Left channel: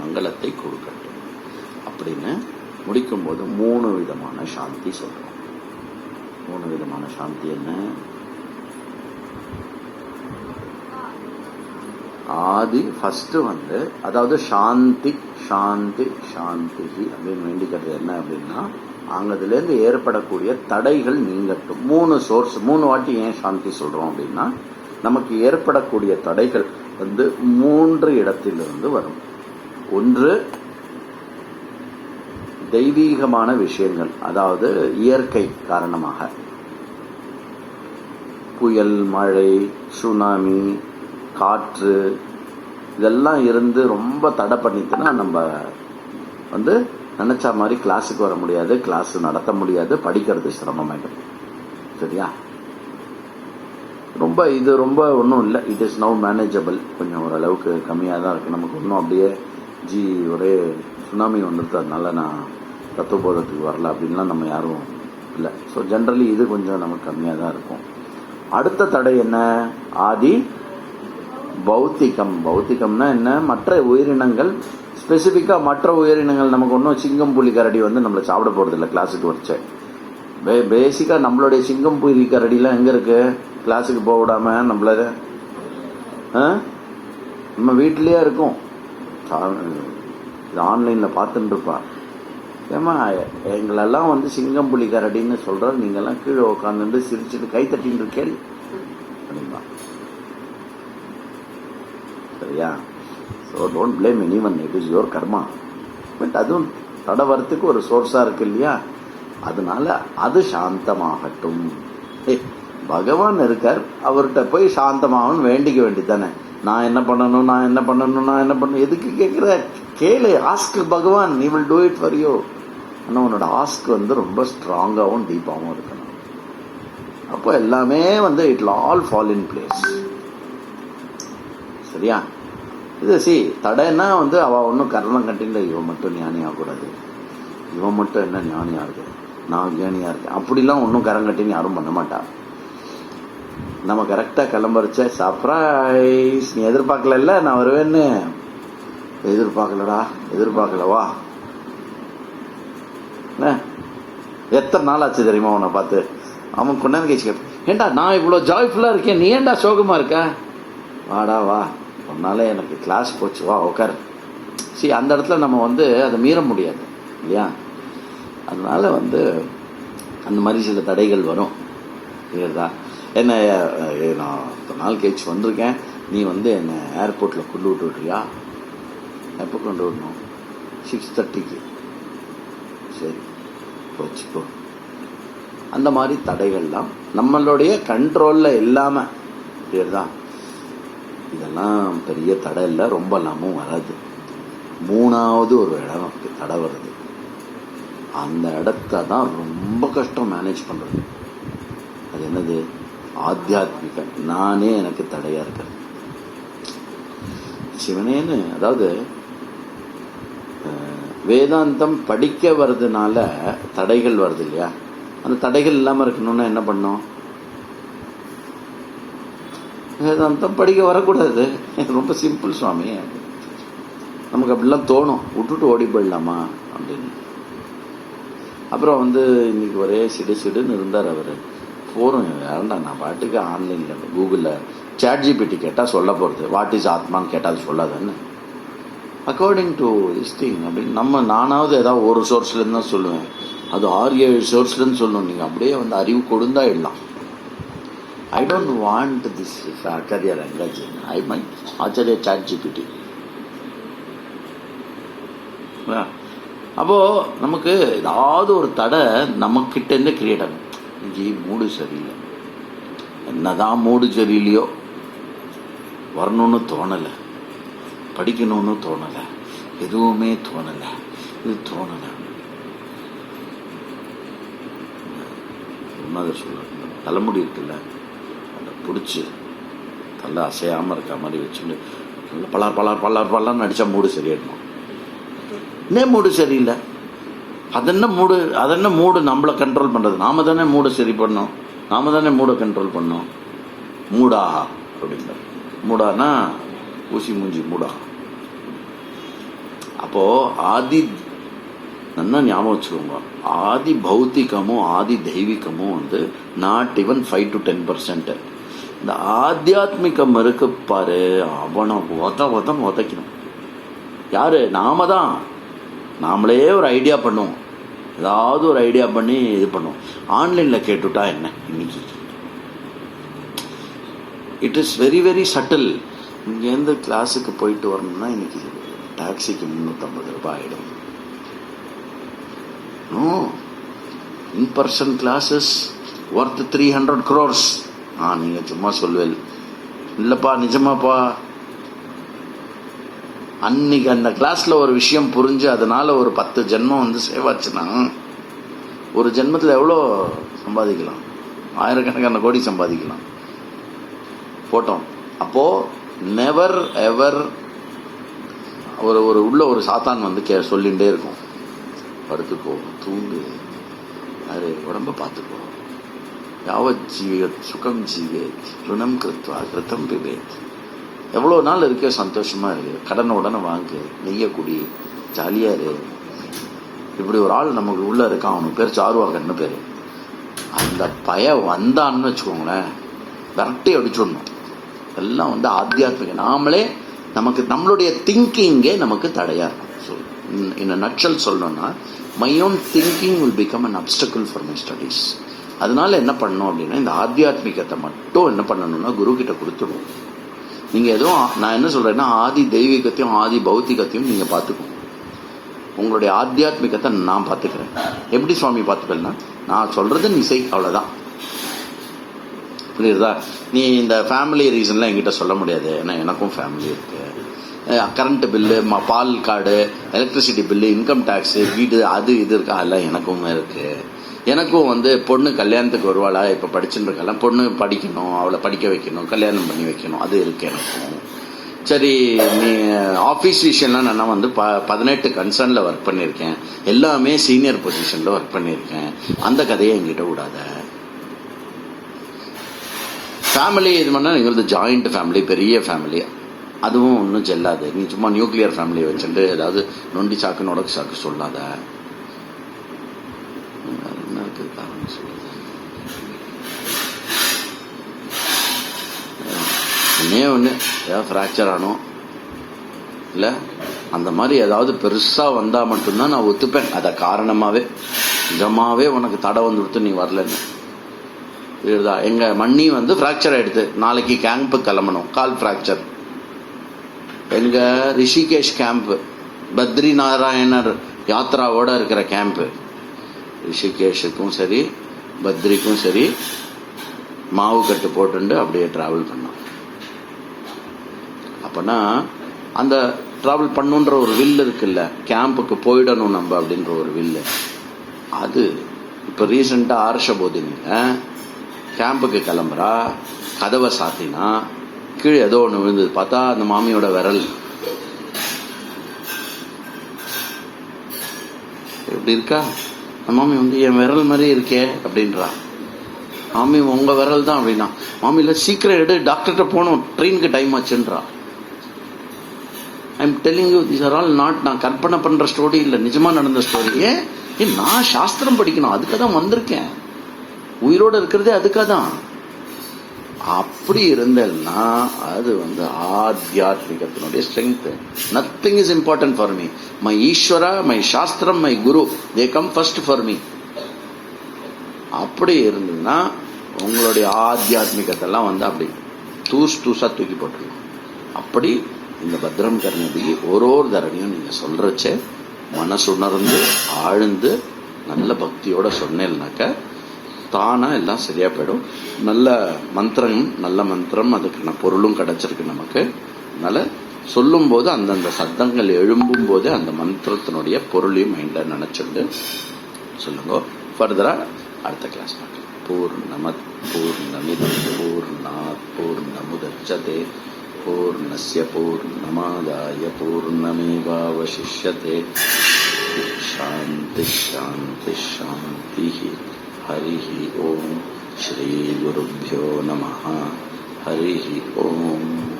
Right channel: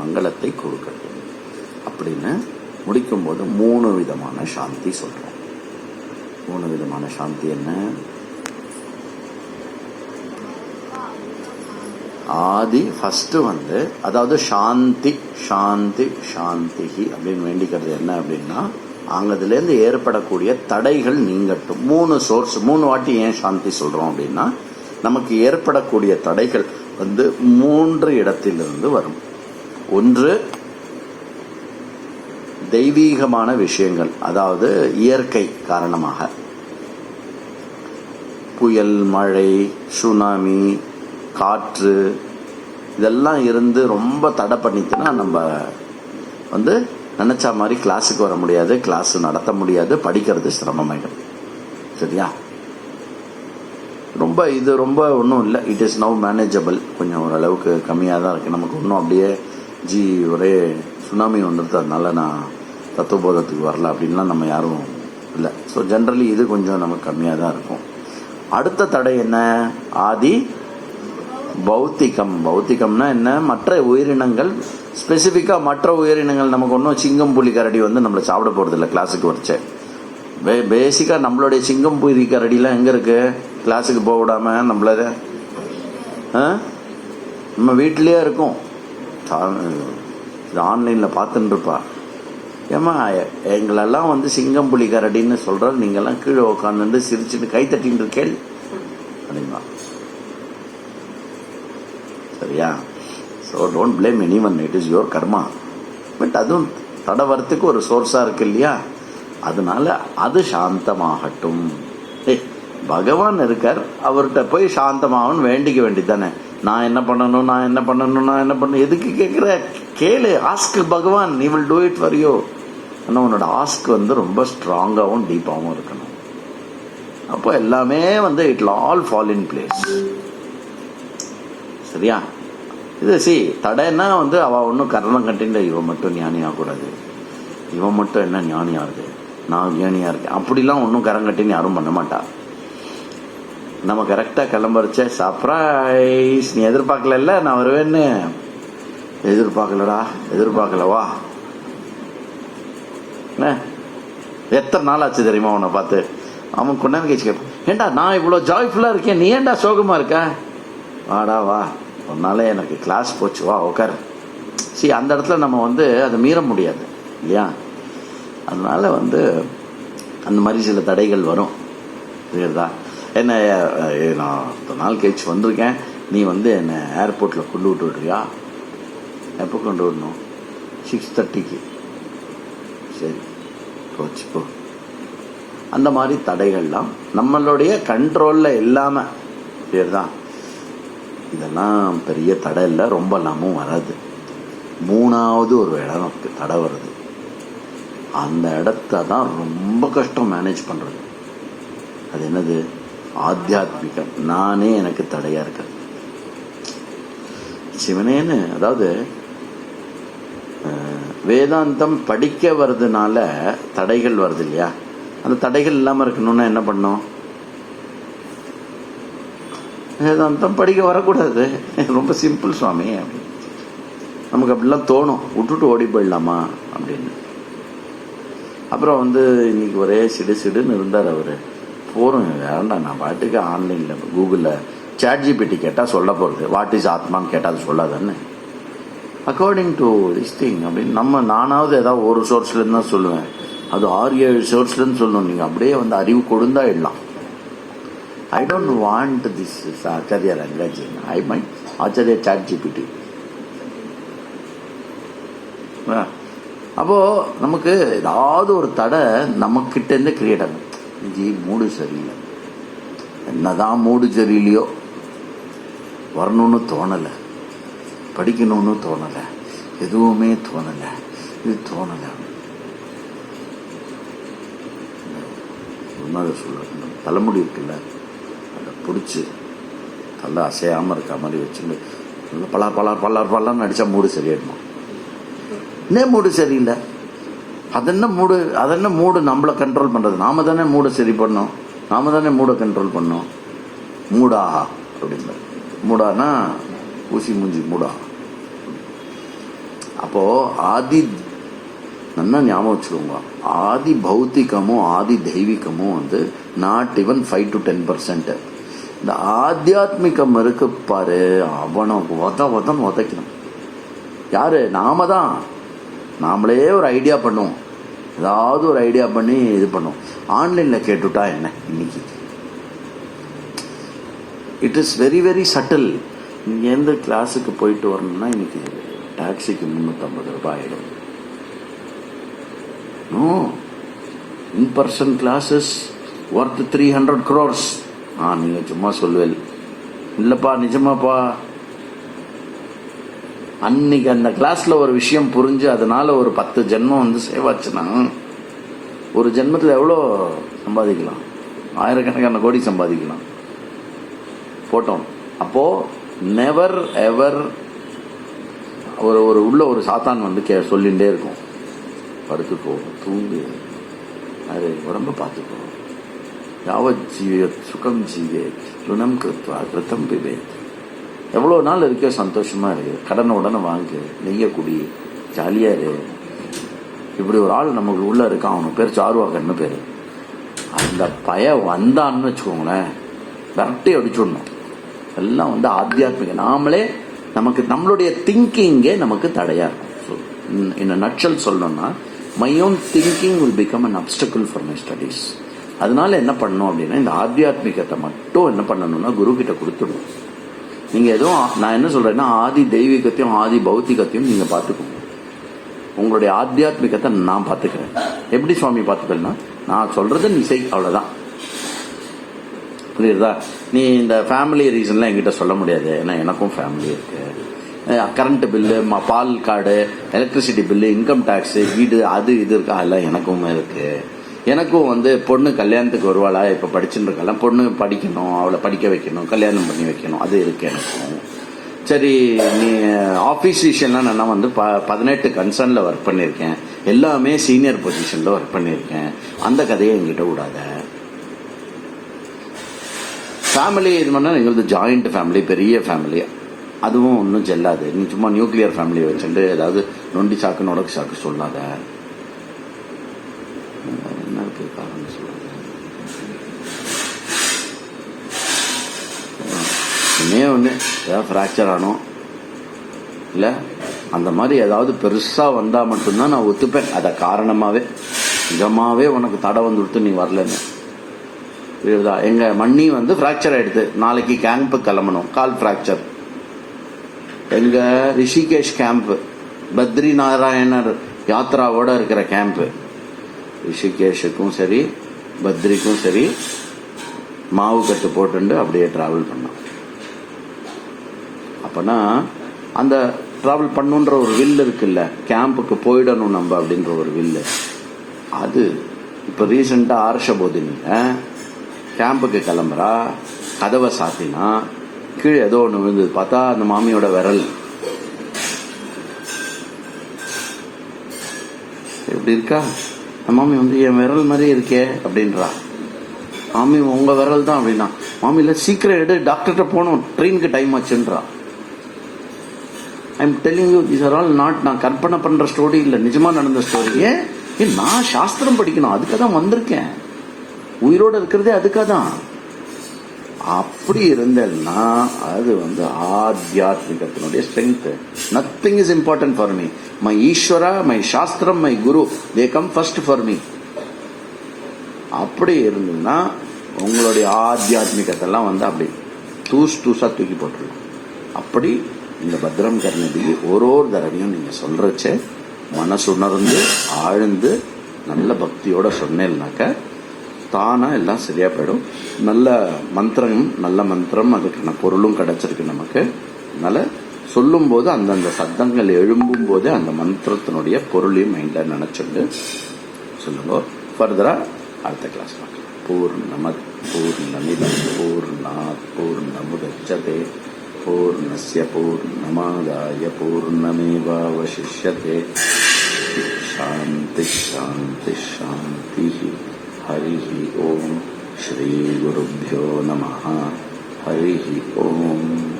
மங்களத்தை கொடுக்கட்டும் அப்படின்னு முடிக்கும்போது 3 விதமான சாந்தி சொல்றோம். 3 விதமான சாந்தி என்ன? ஆதி ஃபர்ஸ்ட் அதாவது சாந்தி சாந்தி சாந்தி அப்படின்னு வேண்டிக்கிறது என்ன அப்படின்னா, அங்கதுலேருந்து ஏற்படக்கூடிய தடைகள் நீங்கட்டும். 3 சோர்ஸ், 3 வாட்டி ஏன் சாந்தி சொல்றோம் அப்படின்னா, நமக்கு ஏற்படக்கூடிய தடைகள் 3 இடத்திலிருந்து வரும். ஒன்று தெய்வீகமான விஷயங்கள், அதாவது இயற்கை காரணமாக புயல், மழை, சுனாமி, காற்று இதெல்லாம் இருந்து ரொம்ப தடை பண்ணிட்டுனா நம்ம நினைச்ச மாதிரி கிளாஸுக்கு வர முடியாது, கிளாஸ் நடத்த முடியாது, படிக்கிறது சிரமமாயிடும். சரியா? இது ரொம்ப ஒன்றும் இல்லை. It is now manageable. கொஞ்சம் ஓரளவுக்கு கம்மியாக தான் இருக்குது. நமக்கு ஒன்றும் அப்படியே ஒரே சுனாமி வந்துடுது, அதனால நான் தத்துவபோதத்துக்கு வரல அப்படின்லாம் நம்ம யாரும் இல்லை. ஸோ ஜென்ரலி இது கொஞ்சம் நமக்கு கம்மியாக தான் இருக்கும். அடுத்த தடை என்ன? ஆதி பௌத்திகம். பௌத்திகம்னா என்ன? மற்ற உயிரினங்கள், ஸ்பெசிஃபிக்காக மற்ற உயிரினங்கள். நமக்கு ஒன்றும் சிங்கம் புலி கரடி நம்மளை சாப்பிட போகிறது இல்லை கிளாஸுக்கு வச்ச. பேசிக்காக நம்மளுடைய சிங்கம் புலி கரடிலாம் எங்கே இருக்கு? கிளாஸுக்கு போக விடாம நம்மள நம்ம வீட்டிலேயே இருக்கும். ஆன்லைனில் பார்த்துட்டு இருப்பா. ஏமா எங்களெல்லாம் சிங்கம் புலி கரடின்னு சொல்ற, நீங்கெல்லாம் கீழே உட்காந்துட்டு சிரிச்சுட்டு கை தட்டின்னு இருக்கேள் அப்படின்னா. சரியா? So don't blame anyone, it is your karma. But அதுவும் தடை வரத்துக்கு ஒரு சோர்ஸா இருக்கு இல்லையா? அதனால அது சாந்தமாகட்டும். பகவான் இருக்கார், அவர்கிட்ட போய் சாந்தமாகணும் வேண்டிக்க வேண்டியதானே. நான் என்ன பண்ணணும், எதுக்கு கேட்குற? கேளு, ஆஸ்க் பகவான், he will do it for you. ஆனால் உன்னோட ஆஸ்க் ரொம்ப ஸ்ட்ராங்காகவும் டீப்பாகவும் இருக்கணும். அப்போ எல்லாமே it will all fall in place. சரியா? இது தடைன்னா அவ ஒன்றும் கரணம் கட்டில இவன் மட்டும் ஞானி ஆகக்கூடாது, இவன் மட்டும் என்ன ஞானி ஆகுது, நான் ஞானியா இருக்கேன் அப்படிலாம் ஒன்றும் கரங்கட்டின்னு யாரும் பண்ண மாட்டா. நம்ம கரெக்டா கிளம்புறச்ச சர்ப்ரைஸ், நீ எதிர்பார்க்கல, நான் வருவேன்னு. எதிர்பார்க்கலவா? எத்தனை நாள் ஆச்சு தெரியுமா உன்னை பார்த்து? அவன் கொண்டாந்து கேச்சு கேட்பான், ஏண்டா நான் இவ்வளவு ஜாய்ஃபுல்லா இருக்கேன், நீ ஏண்டா சோகமா இருக்க? வாடா வா, உன்னால எனக்கு கிளாஸ் போச்சு, வா உட்காரு. அந்த இடத்துல நம்ம அதை மீற முடியாது இல்லையா? அதனால அந்த மாதிரி சில தடைகள் வரும். புரியுறதா? என்ன நான் ஒரு நாள் கழிச்சு வந்திருக்கேன், நீ என்ன ஏர்போர்ட்ல கொண்டு விட்டு விடுறியா? எப்போ கொண்டு விடணும்? 6:30க்கு. சரி போச்சு போ. அந்த மாதிரி தடைகள்லாம் நம்மளுடைய கண்ட்ரோல்ல இல்லாம, சரிதான், இதெல்லாம் பெரிய தடை இல்லை, ரொம்ப எல்லாமும் வராது. 3வது ஒரு இடம் தடை வருது. அந்த இடத்த தான் ரொம்ப கஷ்டம் மேனேஜ் பண்றது. அது என்னது? ஆத்தியாத்மிகம். நானே எனக்கு தடையா இருக்கிறது. சிவனேன்னு, அதாவது வேதாந்தம் படிக்க வர்றதுனால தடைகள் வருது இல்லையா? அந்த தடைகள் இல்லாம இருக்கணும்னா என்ன பண்ணும்? வேதாந்தம் படிக்க வரக்கூடாது. ரொம்ப சிம்பிள் சுவாமி. நமக்கு அப்படிலாம் தோணும், விட்டுட்டு ஓடி போயிடலாமா அப்படின்னு. அப்புறம் இன்னைக்கு ஒரே சிடுன்னு இருந்தார் அவரு. போறோம், வேண்டாம், நான் பாட்டுக்கு ஆன்லைன்ல கூகுளில் ChatGPT கேட்டா சொல்ல போறது, வாட் இஸ் ஆத்மான்னு கேட்டா அது சொல்லாதானே. அக்கார்டிங் டு திஸ் திங் அப்படின்னு நானாவது ஏதாவது ஒரு சோர்ஸ்ல இருந்து தான் சொல்லுவேன், அது 6-7 சோர்ஸ்ல இருந்து சொல்லணும். நீங்க அப்படியே அறிவு கொடுந்தா இடலாம். I don't want this Acharya language, I mind Acharya ChatGPT. அப்போ நமக்கு ஏதாவது ஒரு தடை நமக்கிட்ட இருந்து கிரியேட் ஆகும். இங்கே மூடு சரியில்லை, என்னதான் மூடு சரியில்லையோ, வரணும்னு தோணலை, படிக்கணும்னு தோணலை, எதுவுமே தோணலை, இது தோணலை. சொல்ல தலைமுடி இருக்குல்ல, அதை பிடிச்சி தலை அசையாமல் இருக்க மாதிரி வச்சுட்டு பலார் அடித்தா மூடு சரியாயிடணும். இன்னும் மூடு சரியில்லை, அதென்ன மூடு நம்மளை கண்ட்ரோல் பண்றது? நாம தானே மூடை சரி பண்ணோம், நாம தானே மூடை கண்ட்ரோல் பண்ணோம். மூடா அப்படின்ற, மூடானா ஊசி மூஞ்சி மூடா. அப்போ ஆதி நல்லா ஞாபகம் வச்சுக்கோங்க, ஆதி பௌத்திகமும் ஆதி தெய்வீகமும் வந்து நாட் ஈவன் 5 to 10%. இந்த ஆத்தியாத்மிகம் இருக்கு பாரு, அவனை உதைக்கணும். யாரு? நாம தான். நாமளே ஒரு ஐடியா பண்ணுவோம், ஏதாவது ஒரு ஐடியா பண்ணி இது பண்ணுவோம். ஆன்லைனில் கேட்டுட்டா என்ன இன்னைக்கு? It is very very subtle. இங்கேருந்து கிளாஸுக்கு போயிட்டு வரணும்னா இன்னைக்கு டாக்ஸிக்கு 350 ரூபாய் ஆகிடும். In person classes worth 300 crores. நீங்கள் சும்மா சொல்லுவேல், இல்லைப்பா நிஜமாப்பா. அன்னைக்கு அந்த கிளாஸ்ல ஒரு விஷயம் புரிஞ்சு அதனால ஒரு 10 ஜென்மம் வந்து சேவாச்சுன்னா ஒரு ஜென்மத்தில் எவ்வளோ சம்பாதிக்கலாம்? ஆயிரக்கணக்கான கோடி சம்பாதிக்கலாம். போட்டோம். அப்போ நெவர் எவர் ஒரு உள்ள ஒரு சாத்தான் வந்து சொல்லிகிட்டே இருக்கும், படுத்து போகும், தூங்கு, அது உடம்ப பார்த்துக்கோ, யாவத் ஜீவியத் சுகம் ஜீவேத் ருணம் கிருத்வா கிருத்தம் பிபேத். எவ்வளோ நாள் இருக்க சந்தோஷமா இருக்கு, கடனை உடனே வாங்கு, நெய்ய குடி, ஜாலியா இரு. இப்படி ஒரு ஆள் நமக்கு உள்ள இருக்கான், அவனுக்கு பேர் சாருவாகன்னு பேரு. அந்த வந்தான்னு வச்சுக்கோங்களேன், விரட்டி அடிச்சுடணும். எல்லாம் வந்து ஆத்தியாத்மிக. நாமளே நமக்கு நம்மளுடைய திங்கிங்கே நமக்கு தடையா இருக்கும். இந்த நட்சல் சொல்லணும்னா, my own thinking will become an அப்டக்கிள் for my studies. அதனால என்ன பண்ணணும் அப்படின்னா, இந்த ஆத்தியாத்மிகத்தை மட்டும் என்ன பண்ணணும்னா குரு கிட்ட கொடுத்துடும். நீங்க எதுவும், நான் என்ன சொல்றேன்னா, ஆதி தெய்வீகத்தையும் ஆதி பௌத்திகத்தையும் நீங்க பார்த்துக்கணும். உங்களுடைய ஆத்தியாத்மிகத்தை நான் பார்த்துக்கிறேன். எப்படி சுவாமி பார்த்துக்கலன்னா, நான் சொல்றது நீ செய், அவ்வளவுதான். புரியுதா? நீ இந்த ஃபேமிலி ரீசன்லாம் என்கிட்ட சொல்ல முடியாது, ஏன்னா எனக்கும் ஃபேமிலி இருக்கு. கரண்ட் பில்லு, பால் card, electricity bill, income tax, வீடு, அது இது இருக்கா, எல்லாம் எனக்கும் இருக்கு. எனக்கும் வந்து பொண்ணு கல்யாணத்துக்கு வருவாளா, இப்போ படிச்சுட்டு இருக்கலாம், பொண்ணு படிக்கணும், அவளை படிக்க வைக்கணும், கல்யாணம் பண்ணி வைக்கணும், அது இருக்கு எனக்கு. சரி, நீ ஆஃபீஸ் விஷயம்லாம் நான் வந்து 18 கன்சர்னில் ஒர்க் பண்ணியிருக்கேன், எல்லாமே சீனியர் பொசிஷனில் ஒர்க் பண்ணியிருக்கேன், அந்த கதையை என்கிட்ட விடாத. ஃபேமிலி இது பண்ணால் எங்களுக்கு ஜாயிண்ட் ஃபேமிலி, பெரிய ஃபேமிலி, அதுவும் ஒன்றும் செல்லாது. நீ சும்மா நியூக்ளியர் ஃபேமிலியை வச்சுட்டு ஏதாவது நொண்டி சாக்கு நொடக்கு சாக்கு சொல்லாத. ஒன்று ஏதாவது ஃப்ராக்சர் ஆனோம் இல்லை, அந்த மாதிரி ஏதாவது பெருசாக வந்தால் மட்டும்தான் நான் ஒத்துப்பேன். அதை காரணமாகவே நிஜமாவே உனக்கு தடை வந்து கொடுத்து நீ வரலன்னு. புரியுதா? எங்கள் மண்ணி வந்து ஃப்ராக்சர் ஆகிடுது, நாளைக்கு கேம்ப்பு கிளம்பணும், கால் ஃப்ராக்சர். எங்கள் ரிஷிகேஷ் கேம்ப்பு, பத்ரி நாராயணர் யாத்ராவோட இருக்கிற கேம்ப்பு, ரிஷிகேஷுக்கும் சரி பத்ரிக்கும் சரி மாவு கட்டு போட்டு அப்படியே டிராவல் பண்ணோம். அப்போனா அந்த டிராவல் பண்ணுன்ற ஒரு வில்லு இருக்குல்ல, கேம்புக்கு போயிடணும் நம்ம அப்படின்ற ஒரு வில்லு. அது இப்போ ரீசெண்டாக ஆர்ஷபோதினி கேம்புக்கு கிளம்புறா, கதவை சாத்தினா கீழே ஏதோ ஒன்று விழுந்தது. பார்த்தா அந்த மாமியோட விரல். எப்படி இருக்கா மாமி? வந்து என் விரல் மாதிரி இருக்கே அப்படின்றா. மாமி உங்க விரல் தான் அப்படின்னா, மாமியில சீக்கிரம் எடு, டாக்டர்கிட்ட போகணும், ட்ரெயினுக்கு டைம் ஆச்சுன்றா. I am telling you, this are all not நான் கற்பனை பண்ற ஸ்டோரி இல்லை, நிஜமா நடந்த ஸ்டோரி. ஏன் நான் சாஸ்திரம் படிக்கணும், அதுக்காக தான் வந்திருக்கேன், உயிரோடு இருக்கிறதே அதுக்காக தான். அப்படி இருந்தேன்னா அது வந்து ஆத்தியாத்மிகத்தினுடைய strength. Nothing is important for me. My Ishwara, my சாஸ்திரம், my guru, they come first for me. அப்படி இருந்ததுன்னா உங்களுடைய ஆத்தியாத்மிகத்தெல்லாம் வந்து அப்படி தூசா தூக்கி போட்டுருங்க. அப்படி இந்த பத்ரம் கர்ணதி ஒரு தடவையும் நீங்க சொல்றச்ச மனசுணர்ந்து ஆழ்ந்து நல்ல பக்தியோட சொன்னேன்னாக்க தானா எல்லாம் சரியா போயிடும். நல்ல மந்திரம், அதுக்கான பொருளும் கிடைச்சிருக்கு நமக்கு. அதனால சொல்லும் போது அந்தந்த சப்தங்கள் எழும்பும் போது அந்த மந்திரத்தினுடைய பொருளையும் மைண்ட்ல நினைச்சிட்டு சொல்லுங்க. ஃபர்தரா அடுத்த கிளாஸ் பூர்ணமத் பூர்ணமிதம் பூர்ணாத் பூர்ணமுதச்யதே பூர்ணஸ்ய பூர்ணமாதாய பூர்ணமேவாவசிஷ்யதே. சாந்தி சாந்தி சாந்தி. ஹரி ஓம். ஸ்ரீ குருभ्यो நமः. ஹரி ஓம்.